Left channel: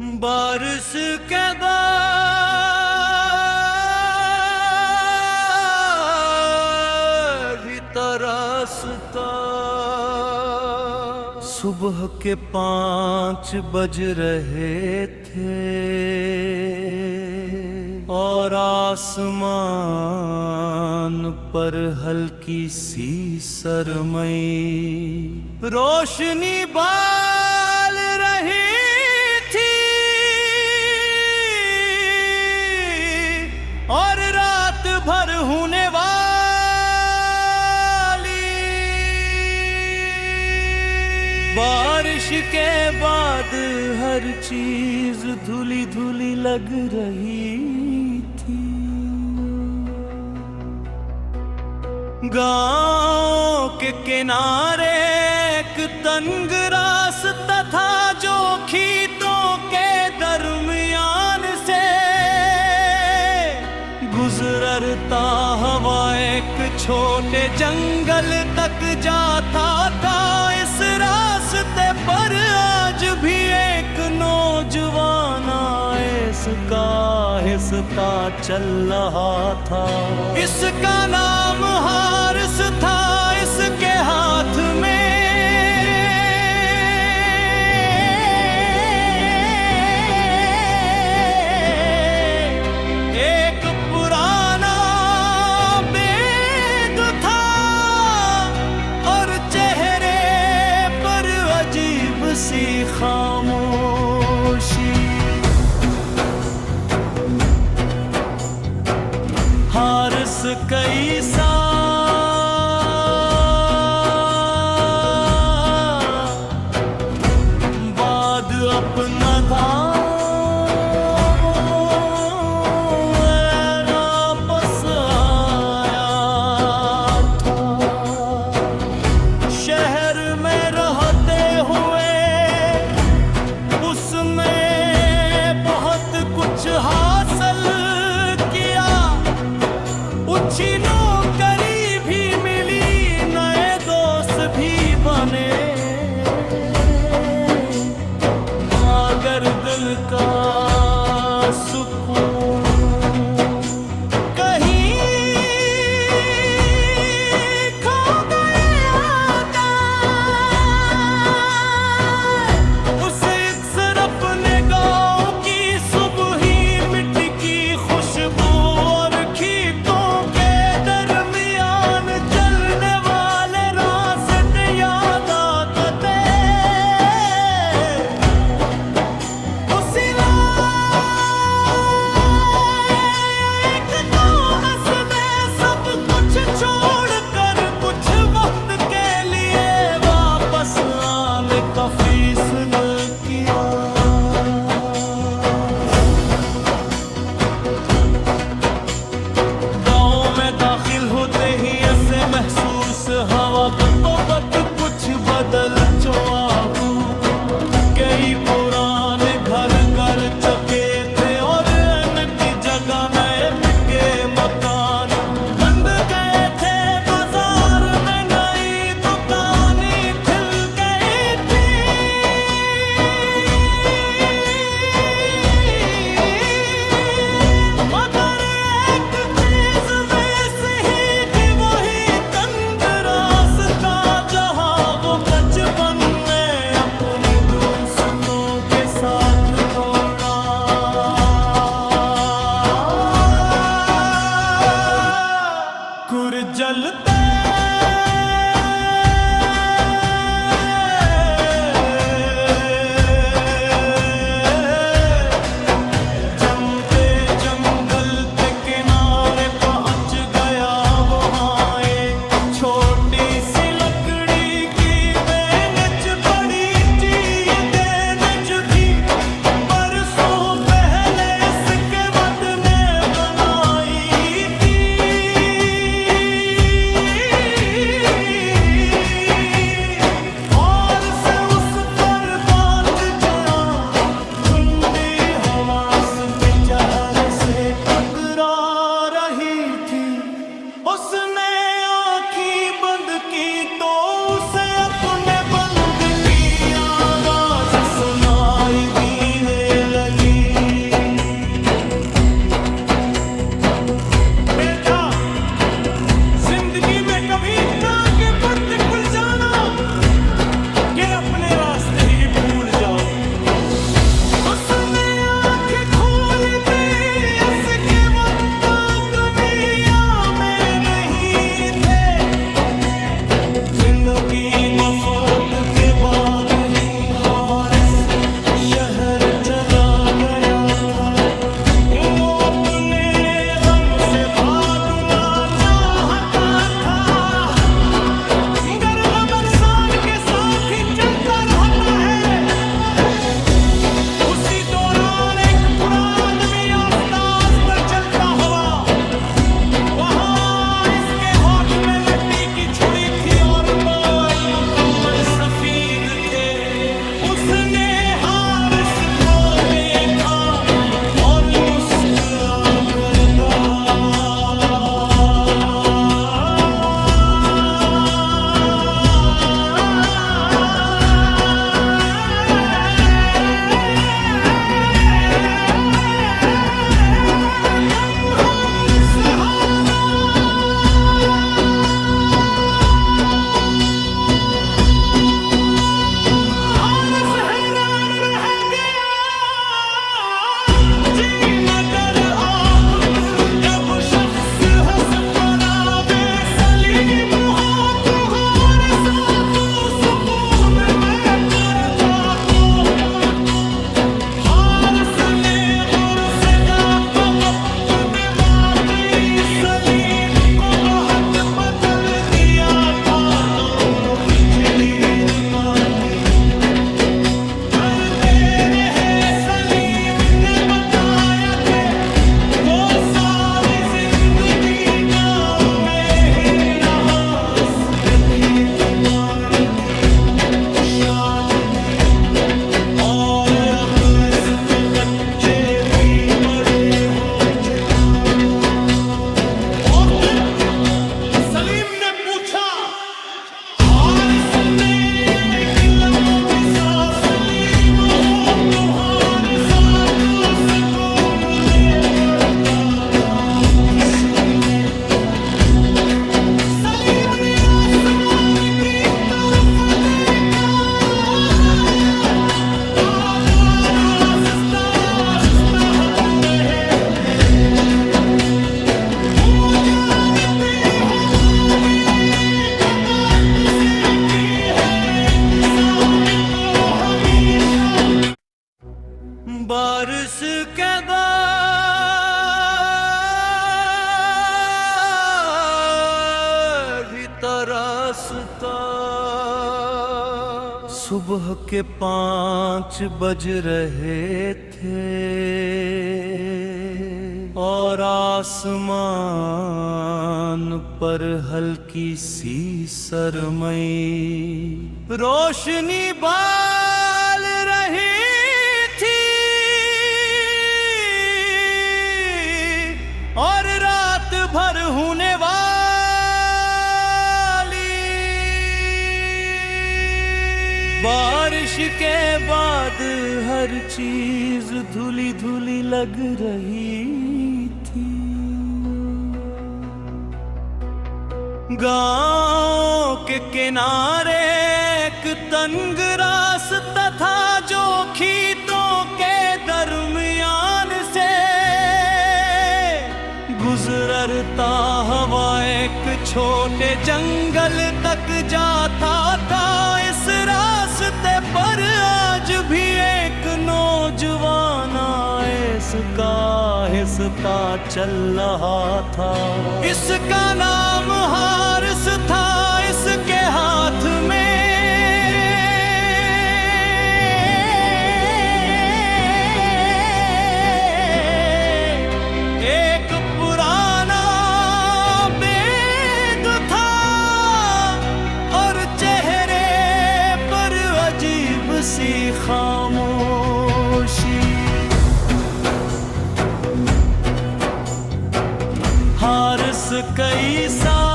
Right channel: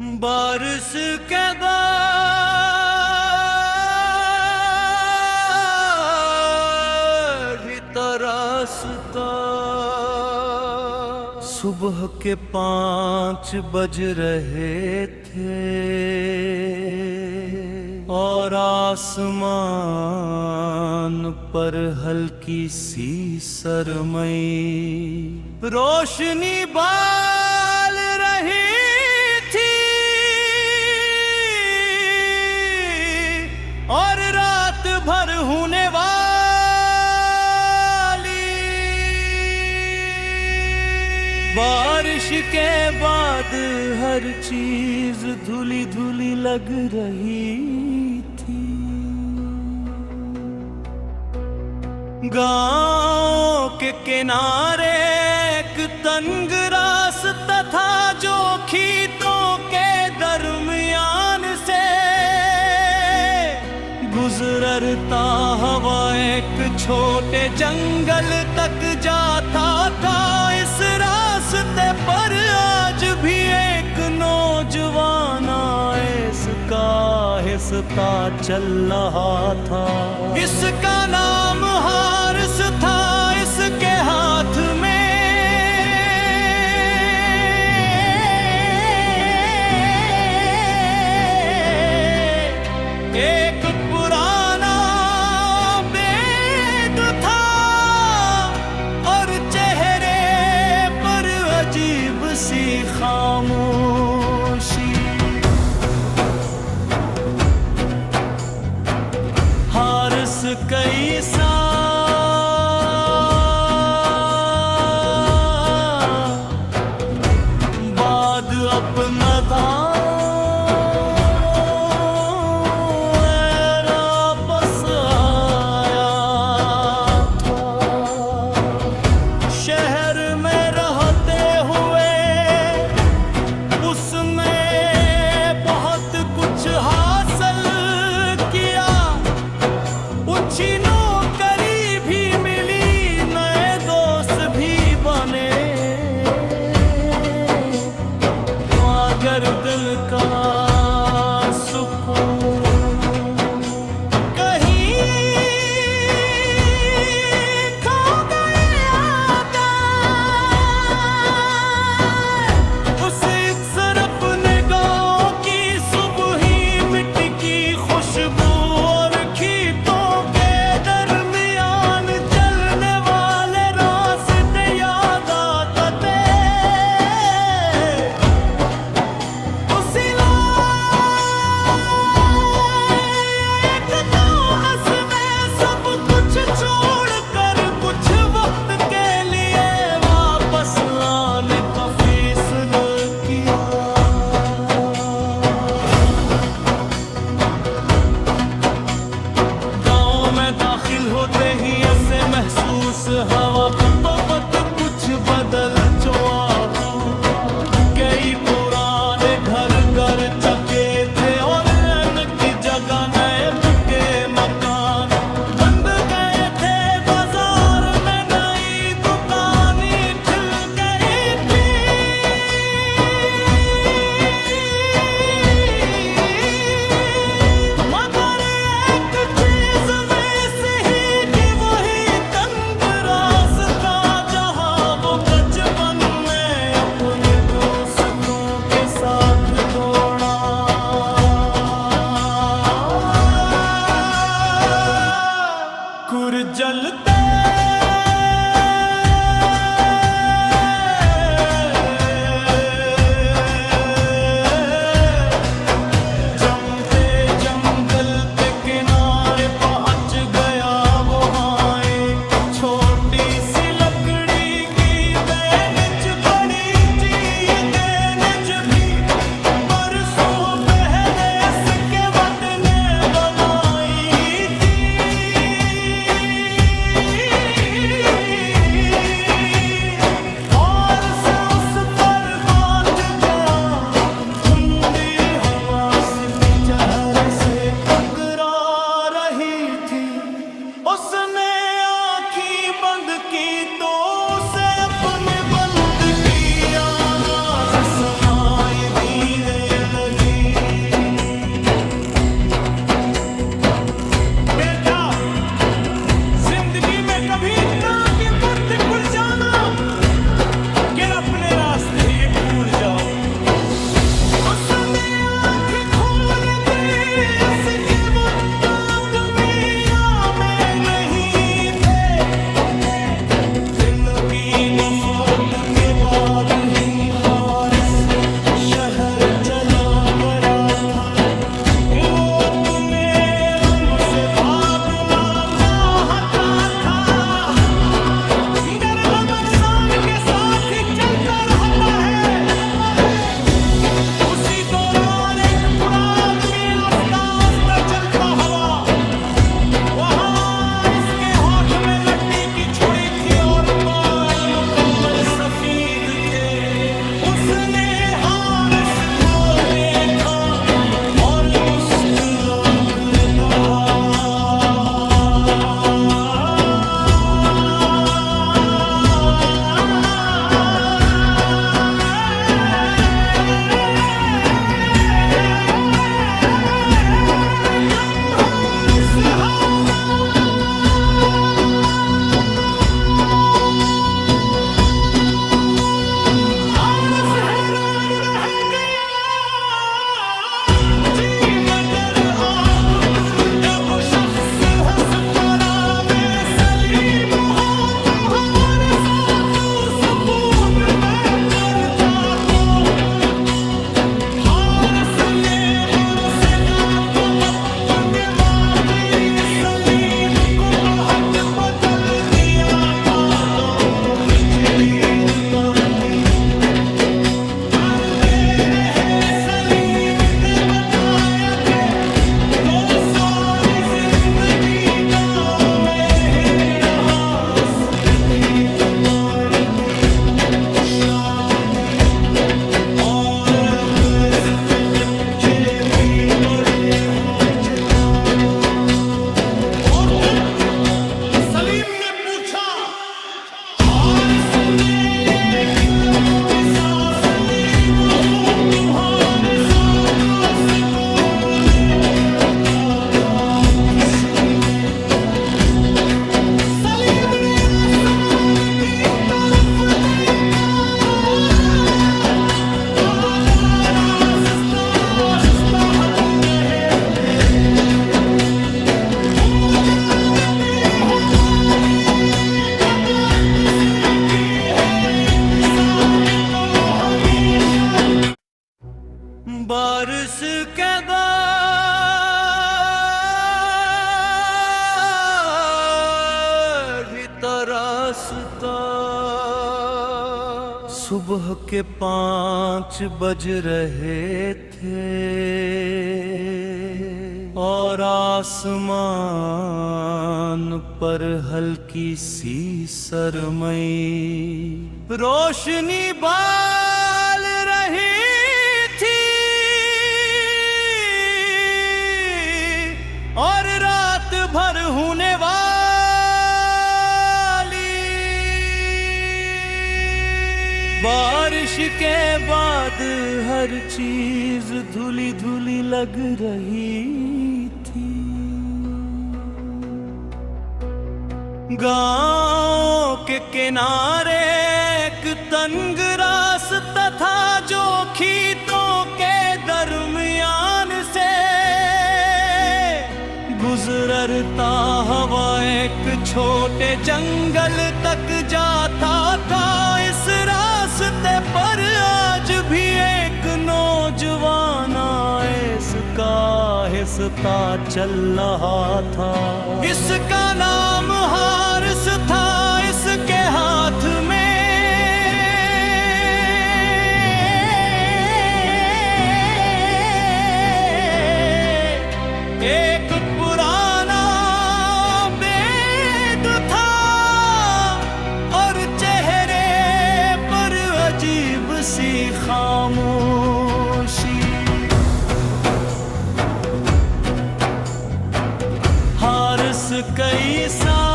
बारिश के बाद ही तरसता। सुबह के 5 बज रहे थे और आसमान पर हल्की सी सरमई रोशनी बाल रही थी और रात भर होने वाली बारिश के बाद हर चीज धुली धुली लग रही थी। गांव के किनारे एक तंग रास्ता था जो खेतों के दरमियान से गुजरता हवा एक छोटे जंगल तक जाता था। इस रास्ते पर आज भी एक नौजवान इसका हिस्सा चल रहा था। इसका नाम हारिस था। इसके हाथ में एक पुराना बैग था और चेहरे पर अजीब सी खामोशी। हारिस कई साल बाद अपना वापस आया था। शहर में रहते हुए उसने बहुत कुछ हासिल किया। अच्छी नौकरी भी मिली, नए दोस्त भी बने, मगर दिल का सुकून कहीं खो गया था। उसे अक्सर अपने गांव की सुबह ही मिट्टी की खुशबू और खेतों के दरमियान चलने वाले रास्ते याद आते। उसी लायक तो उसने सब कुछ छोड़कर कुछ वक्त के लिए वापस आने का फैसला किया। दाखिल होते ही ऐसे महसूस हवा तो बत कुछ बदल चुका। कई पुराने घर चुके थे और इनकी जगह नए पक्के मकान बंद गए थे। बाजार में नई दुकानें खुल गई थी, मगर एक चीज वैसे ही कि वही तंग रास्ता जहां वो बचपन में अपने दोस्तों के साथ दौड़ा। जलते जमते जंगल के किनारे पहुंच गया। वहां एक छोटी सी लकड़ी की बेंच पड़ी थी। बेंच भी बरसों पहले इसके बदले बनाई थी। चेहरे से टकरा रही थी। उसने आँखें बंद की तो उसे अपने बंद की आवाज सुनाई देने लगी। शहर चला गया था। वो अपने गम से भागना चाहता था, मगर गम इंसान के साथ ही चलता रहता है। उसी दौरान एक बुरा आदमी आस्ता आस्ता चलता हुआ वहां इसके हाथ में लकड़ी की छुरी थी और बाल मुकम्मल सफेद थे। उसने हारिस को देखा और मुस्कुरा कर कहा, और अब इसके बच्चे भी बड़े हो चुका। और फिर सलीम ने पूछा, हारिस ने किलम भी सांस सलीम हूँ तुम्हारे साथ स्कूल में पढ़ता था किसी में। सलीम ने आसमान की तरफ देखा, बारिश के बाद ही तरसता। सुबह के 5 बज रहे थे और आसमान पर हल्की सी सरमई रोशनी बाल रही थी और रात भर होने वाली बारिश के बाद हर चीज धुली धुली लग रही थी। गांव के किनारे एक तंग रास्ता था जो खेतों के दरमियान से गुजरता हुआ एक छोटे जंगल तक जाता था। इस रास्ते पर आज भी एक नौजवान आहिस्ता आहिस्ता चल रहा था। इसका नाम हारिस था। इसके हाथ में एक पुराना बैग था और चेहरे पर अजीब सी खामोशी। हारिस कई साल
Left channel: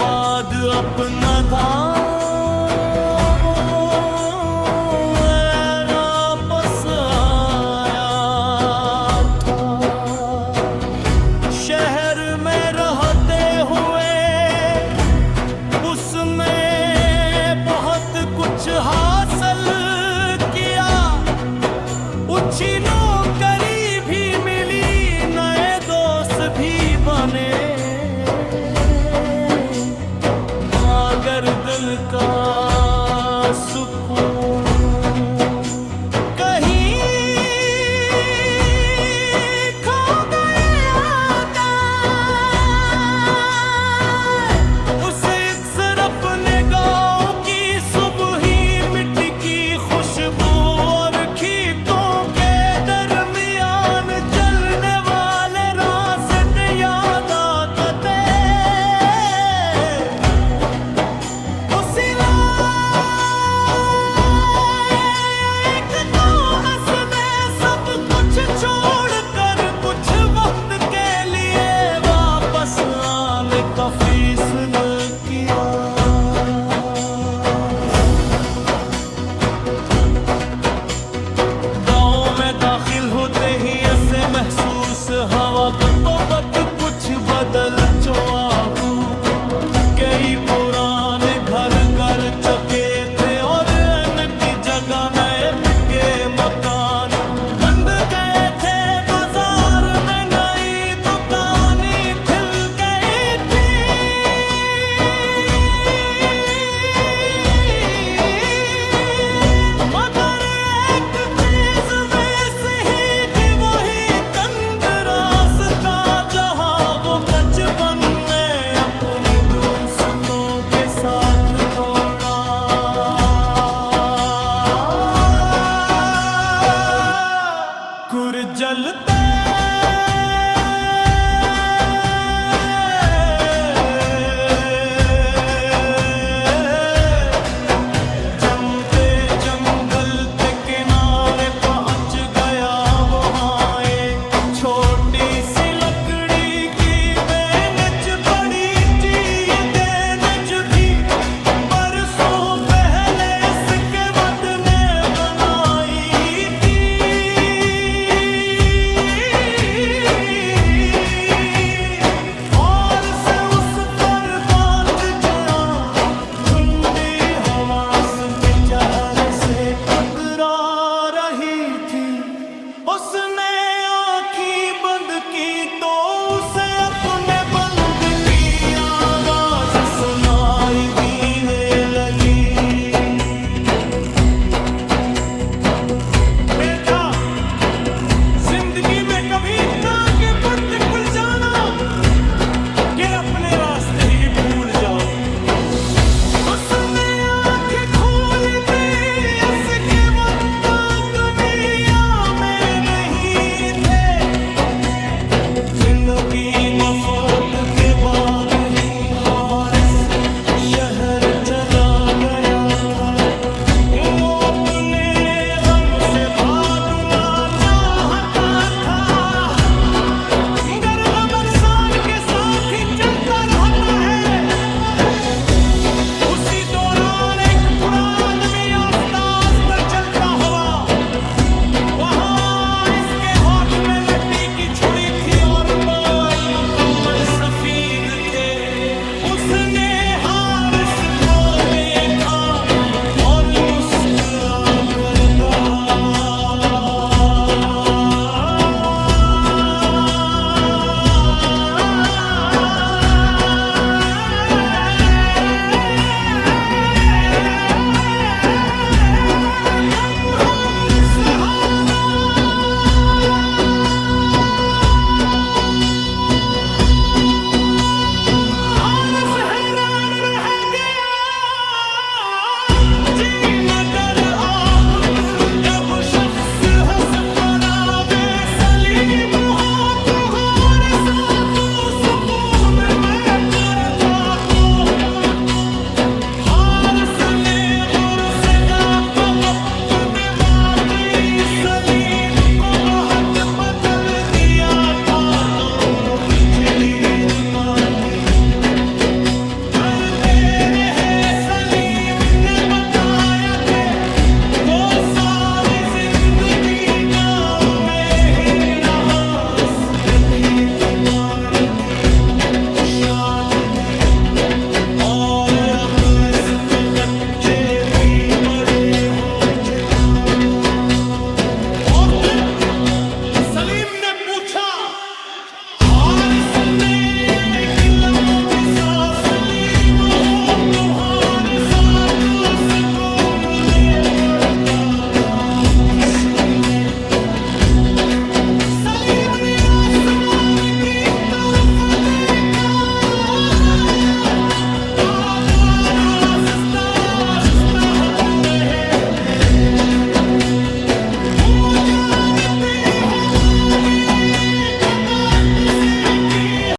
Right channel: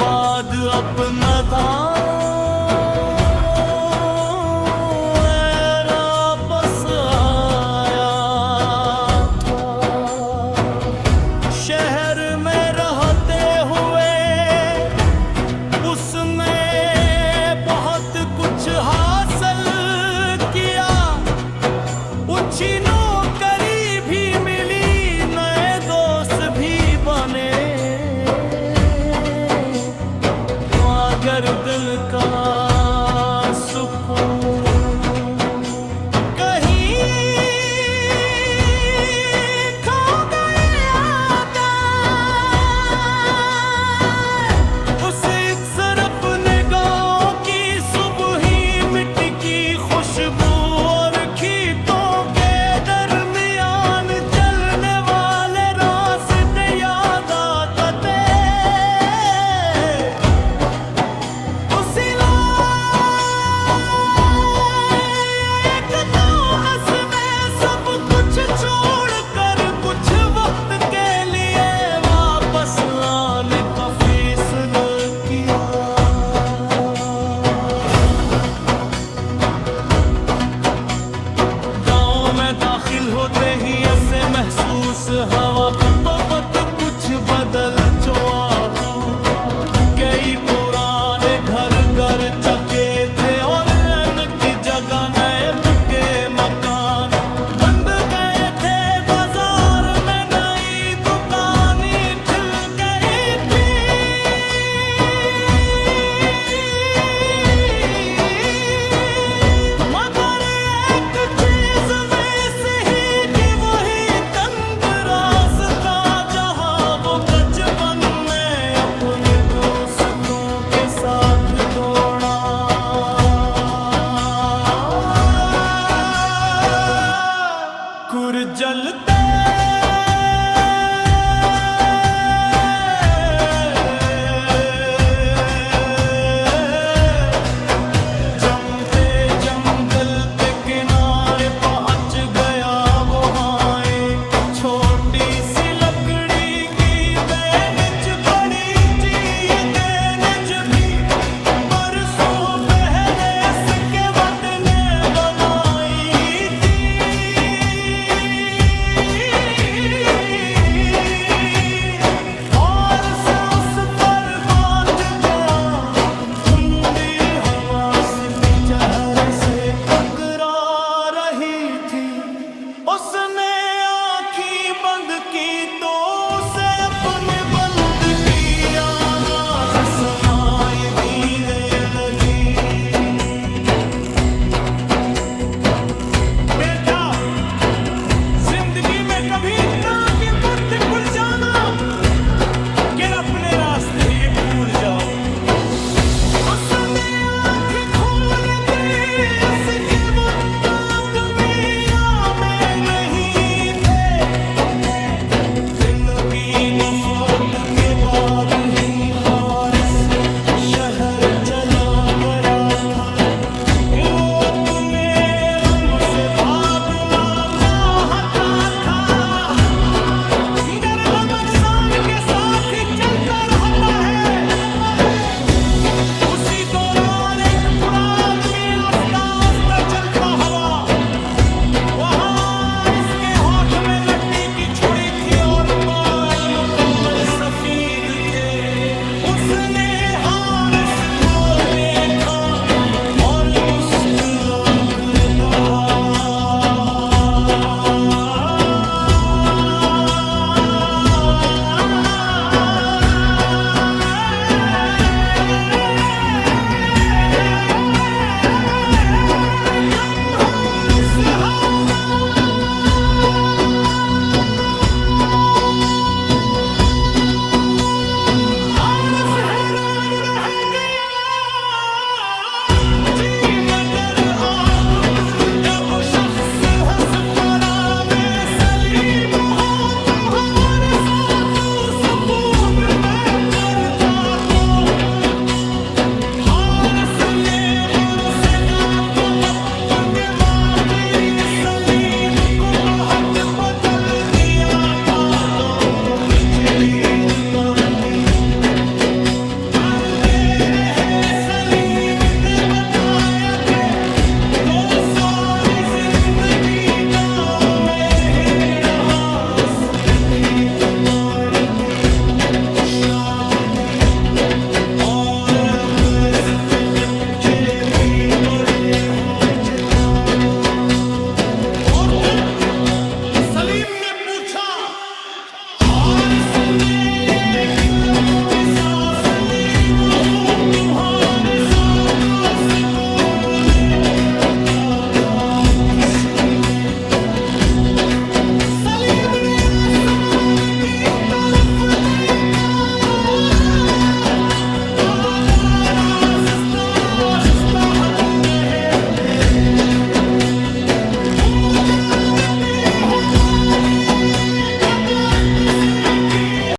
बाद अपना वापस आया था। शहर में रहते हुए उसने बहुत कुछ हासिल किया। अच्छी नौकरी भी मिली, नए दोस्त भी बने। गर्दन का सुकून। कहीं खो गया उसे अक्सर अपने गाँव की सुबह ही मिट्टी की खुशबू और खेतों के दरमियान चलने वाले रास्ते याद आते। उसी एक तो हंसने सब कुछ छोड़कर कुछ वक्त के लिए वापस आने का फैसला किया। दाखिल होते ही ऐसे महसूस हवा मोहब्बत कुछ बदल चुआगू। कई पुराने घर चुके थे और इनकी जगह नए पक्के मकान बंद गए थे। बाजार में नई दुकानें खुल गई थी। मगर एक चीज वैसे ही कि वही तंग रास्ता जहां वो बचपन में अपने दोस्तों के साथ दौड़ा। कुर जलते जमते जंगल के किनारे पहुंच गया वहां एक छोटी सी लकड़ी की बेंच पड़ी थी। बेंच भी बरसों पहले इसके बदले बनाई थी। और से उस पर बात गया ठंडी हवा के चेहरे से टकरा रही थी। उसने आंखें बंद की तो उसे अपने बंद की आवाज सुनाई देने लगी। बेटा, जिंदगी में कभी इतना कि बुद्ध खुल जाना कि अपने रास्ते ही भूल जाओ। उसने आंखें खोल दी, इसके वक्त दुनिया में नहीं थे। जिंदगी वफात के बाद ही हारिस शहर चला गया था। वो अपने गम से भागना चाहता था, मगर गम इंसान के साथ ही चलता रहता है। उसी दौरान एक बुरा आदमी आस्ता आस्ता चलता हुआ वहां इसके हाथ में लकड़ी की छुरी थी और बाल मुकम्मल सफेद थे। उसने